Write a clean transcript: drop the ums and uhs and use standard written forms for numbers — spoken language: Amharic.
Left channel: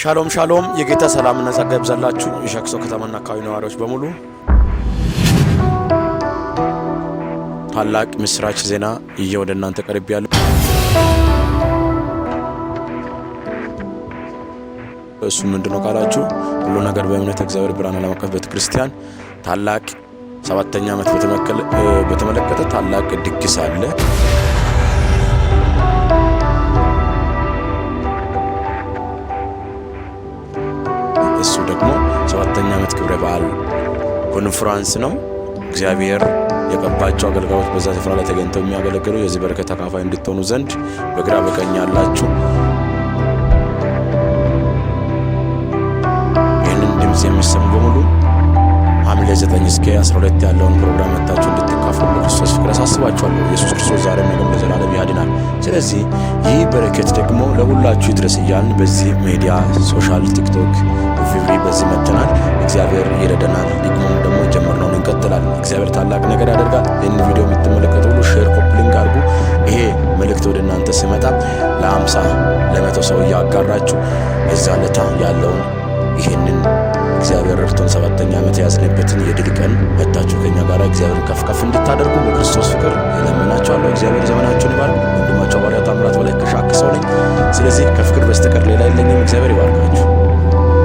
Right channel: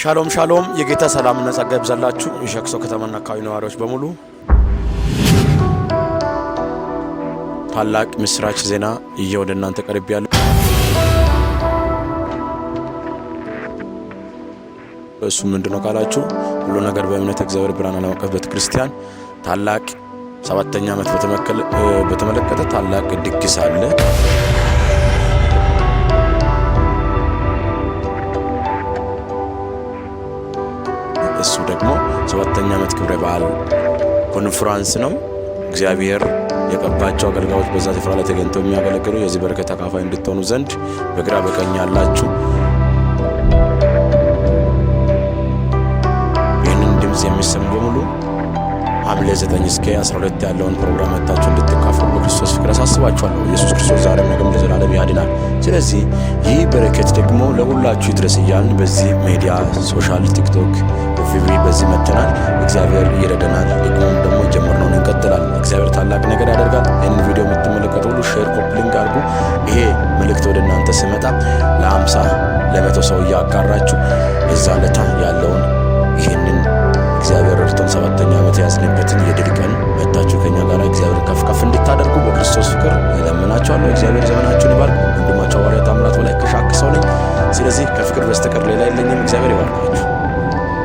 ሻሎም ሻሎም የጌታ ሰላምና ጸጋ ይብዛላችሁ የሻክሶ ከተማና አካባቢ ነዋሪዎች በሙሉ ታላቅ ምስራች ዜና ወደ እናንተ ቀርቤያለሁ። እሱ ምንድነው ካላችሁ ሁሉ ነገር በእምነት እግዚአብሔር ብርሃን ዓለም አቀፍ ቤተክርስቲያን ታላቅ 7ኛ ዓመት በተመለከተ ታላቅ ድግስ አለ። እሱ ደግሞ 7ኛ ዓመት ክብረ በዓል ኮንፈረንስ ነው። እግዚአብሔር የቀባቸው አገልጋዮች በዛ ስፍራ ላይ ተገኝተው የሚያገለግሉ የዚህ በረከት ተካፋይ እንድትሆኑ ዘንድ በግራ በቀኝ ያላችሁ ይህንን ድምጽ የሚሰሙ በሙሉ ሐምሌ 9 እስከ 12 ያለውን ፕሮግራም መጣችሁ እንድትካፈሉ በክርስቶስ ፍቅር አሳስባችኋለሁ። ኢየሱስ ክርስቶስ ዛሬም ነገም ለዘላለም ያድናል። ስለዚህ ይህ በረከት ደግሞ ለሁላችሁ ይድረስ እያልን በዚህ ሚዲያ ሶሻል ቲክቶክ ቪቪ በዚህ መተናል። እግዚአብሔር ይረዳናል። ደግሞ ጀመርነውን እንቀጥላለን። እግዚአብሔር ታላቅ ነገር ያደርጋል። ይህንን ቪዲዮ የምትመለከቱ ሁሉ ሼር ኮፕሊንግ አድርጉ። ይሄ መልእክት ወደ እናንተ ሲመጣ ለ50 ለ100 ሰው ያጋራችሁ እዛ ለታ ያለውን ይህንን እግዚአብሔር ረድቶን 7ኛ ዓመት ያዝነበትን የድል ቀን መጣችሁ ከኛ ጋር እግዚአብሔርን ከፍ እንድታደርጉ በክርስቶስ ፍቅር እለምናችኋለሁ። እግዚአብሔር ዘመናችሁን ይባርክ። ወንድማችሁ ሐዋርያው ታምራት በላይ ከሻክ ሰው ነኝ። ስለዚህ ከፍቅር በስተቀር ሌላ የለኝም። እግዚአብሔር ይባርካችሁ።